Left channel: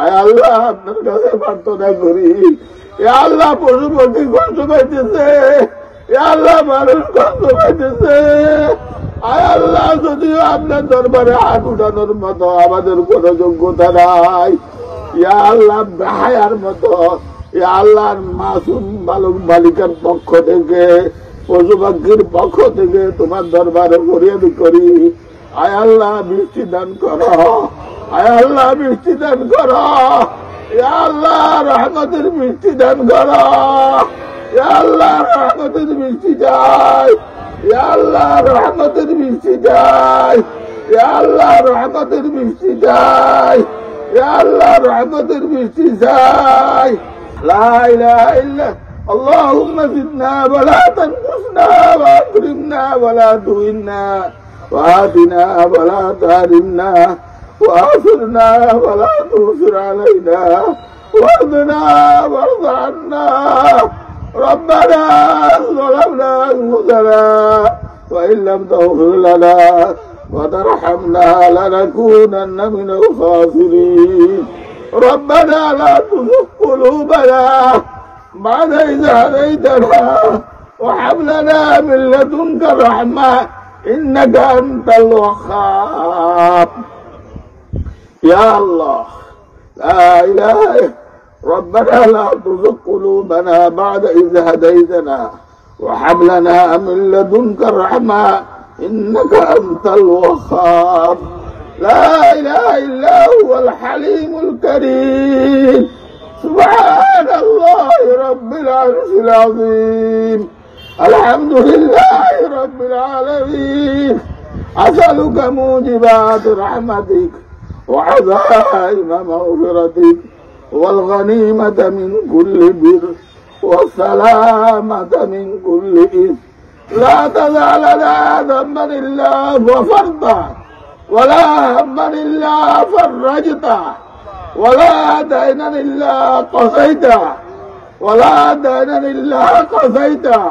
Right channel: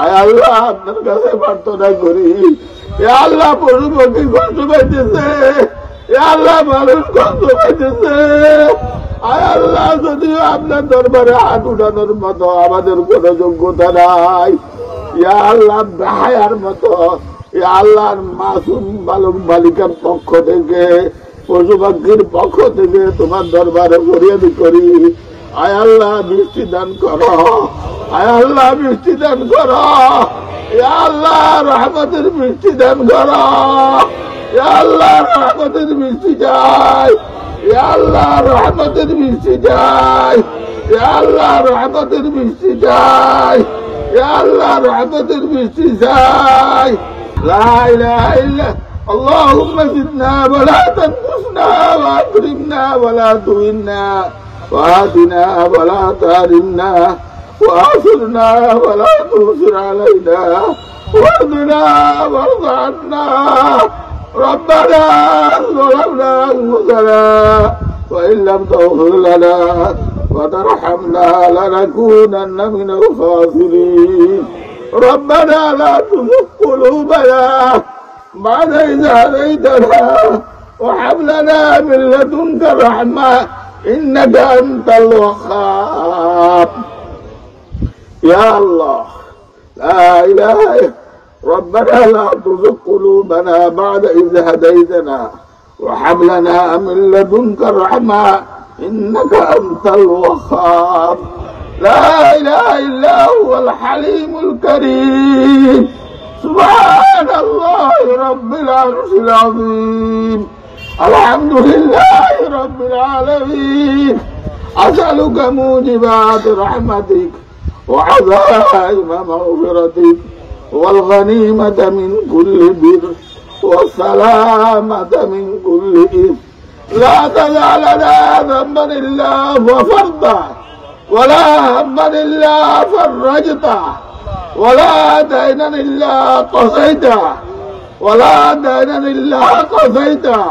আয় আল্লাহ আপনার কাছে প্রার্থনা করি, আল্লাহ পশু পক্ষী কষ্ট পাইতেছে, আল্লাহ মানুষ কষ্ট পাইতেছে। আয় আল্লাহ যদিও আপনার দরবারে হাত উঠানোর মতো আমাদের কোন যোগ্যতা নাই, আল্লাহ বেহায়ার মতো আল্লাহর মাসুম বালক বালিকার পক্ষ থেকে পশু পাখির পক্ষ থেকে তোমার দরবারে ফরিয়াদ করি। আয় আল্লাহ বৃষ্টি দান করো, আয় আল্লাহ বৃষ্টি দান করো, আল্লাহ রহমতের বৃষ্টি দান করো, আল্লাহ রহমতের বৃষ্টি চাই, আল্লাহ রহমতের বৃষ্টি চাই, আল্লাহ রহমতের বৃষ্টি চাই, আল্লাহ রহমতের বৃষ্টি চাই। লা ইলাহা ইল্লা اللهم زدنا ولا تنقصنا واكرمنا ولا تهنا وآتنا ولا تحرمنا وآثرنا ولا تؤثر علينا وارضنا وارض عنا ربنا ظلمنا أنفسنا وإن لم تغفر لنا وترحمنا لنكونن من الخاسرين ربنا لا تزغ قلوبنا بعد إذ هديتنا وهب لنا من لدنك رحمة إنك أنت الوهاب. يا الله لا إله ربنا لا تزغ قلوبنا بعد إذ هديتنا وهب لنا من لدنك رحمة إنك أنت الوهاب. لا إله إلا هو الحليم الكريم. سبحان الله رب العرش العظيم. الحمد لله رب العالمين. أسألك موجبات رحمتك وعزائم مغفرتك والغنيمة من كل بر والسلامة من كل إثم. لا تدع لنا ذنبا إلا غفرته ولا هما إلا فرجته ولا دينا إلا قضيته ولا دينا إلا قضيته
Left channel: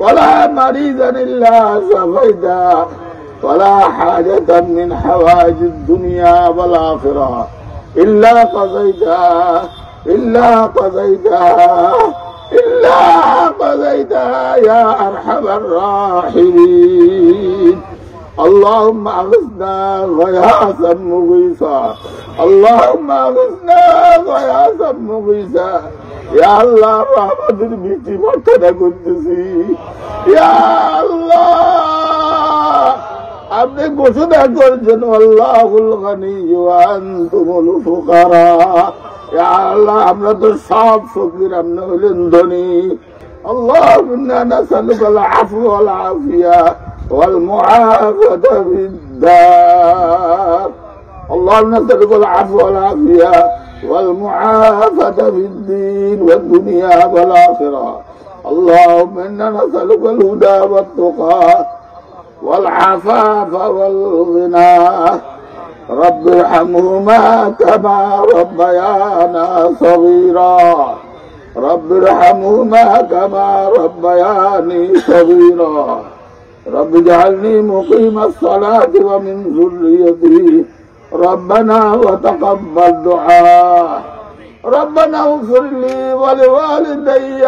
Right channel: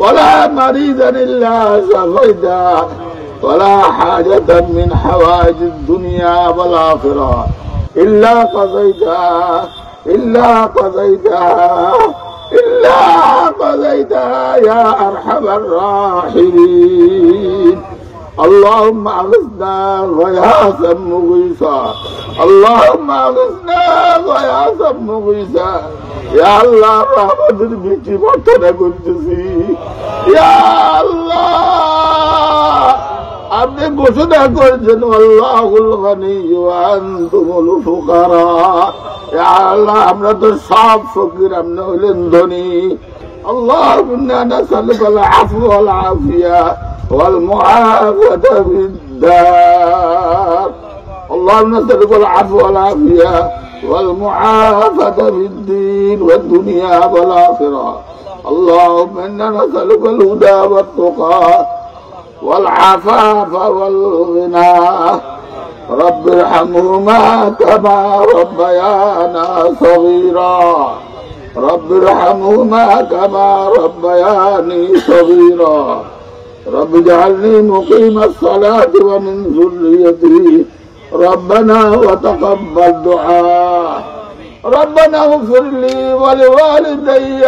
ولا مريضا إلا شفيته ولا حاجة من حوائج الدنيا والآخرة إلا قضيتها إلا قضيتها يا أرحم الراحمين. اللهم أغثنا غياثا مغيثا اللهم أغثنا غياثا مغيثا. يا الله رحمتের বৃষ্টি বর্ষণা করতেছি। ইয়া আল্লাহ আপনি ঘোষণা করেছেন আল্লাহুল গনি ওয়া আনতুমুল ফুকারা। ইয়া আল্লাহ আমরা তো সব ফকির, আপনি হলেন ধনী। اللهم إنا نسألك العفو والعافية والمعافاة في الدار. اللهم نسألك العفو والعافية والمعافاة في الدين والدنيا والآخرة. اللهم إنا نسألك الهدى والتقى والعفاف والغنى. رب ارحمهما كما ربيانا صغيرا. رب ارحمهما كما ربياني صغيرا. رب اجعلني مقيم الصلاة ومن ذريتي. ربنا وتقبل دعاء. ربنا اغفر لي ولوالدي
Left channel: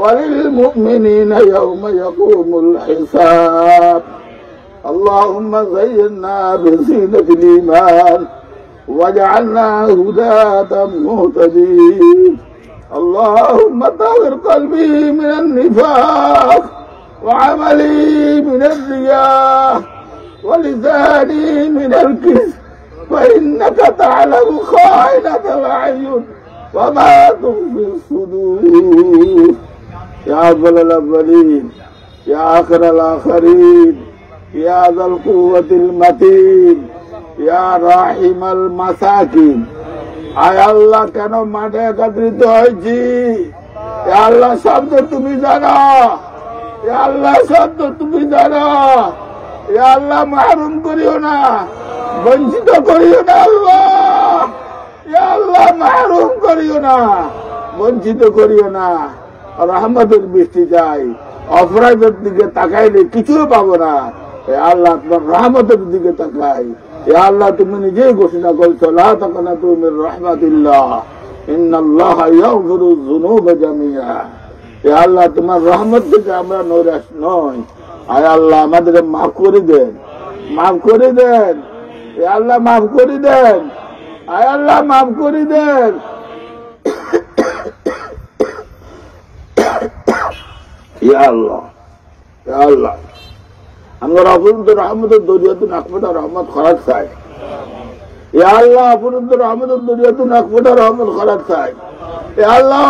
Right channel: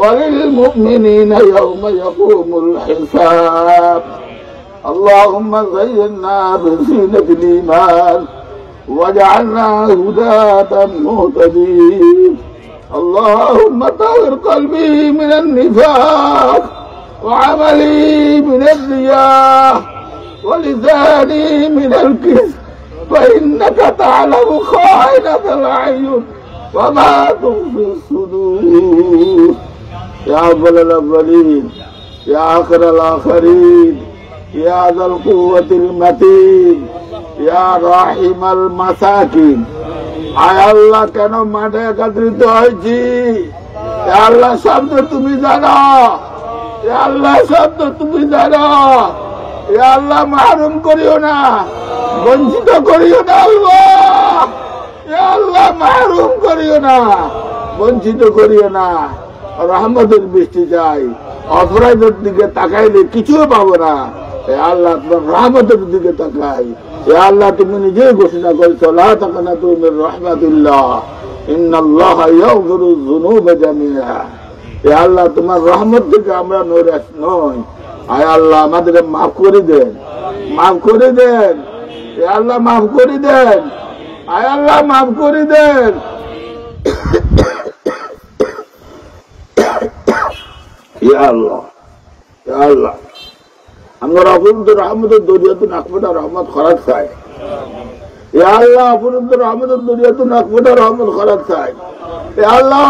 وللمؤمنين يوم يقوم الحساب. اللهم زينا بزينة الإيمان واجعلنا هداة مهتدين. اللهم طهر قلبي من النفاق وعملي من الرياء ولساني من الكذب فإنك تعلم خائنة الأعين وما تخفي الصدور. يا أول الأولين يا آخر الآخرين يا ذا القوة المتين يا راحم المساكين. আয় আল্লাহ কেন মাঠে একত্রিত হয়েছি? আল্লাহ শব্দ তুমি জানো, আল্লাহ শব্দ তুমি জানো। আল্লাহ মাহরুম করিও না, বঞ্চিত করিও না। আল্লাহ আল্লাহ মাহরুম করিও না, বঞ্চিত করিও না। রহমতের বৃষ্টি চাই। অপরাধের দিকে তাকাইলে কিছুও পাবো না। আল্লাহ আপনার রহমতের দিকে তাকাই। ইয়া আল্লাহ তুমি নিজেই ঘোষণা করেছো লা তাকনাতু মির রাহমাতিল্লাহ ইন্নাল্লাহা ইয়াগফিরু যুনুবা জামিআ। ইয়া আল্লাহ তোমার রহমত থেকে আমরা নৈরাশ নই। আয় আল্লাহ আমাদের মাফ করে দেন, মাফ করে দেন। ইয়া আল্লাহ মাফ করে দেন, আয় আল্লাহ মাফ করে দেন। ইয়া আল্লাহ, ইয়া আল্লাহ আমরা আপনাদের রহমতের দরিয়াতে নাকফোটা রহমত খরাজ চাই। ইয়া আল্লাহ আপনাদের রহমতের দরিয়াতে নাকফোটা রহমত খরাজ চাই। ইয়া আল্লাহ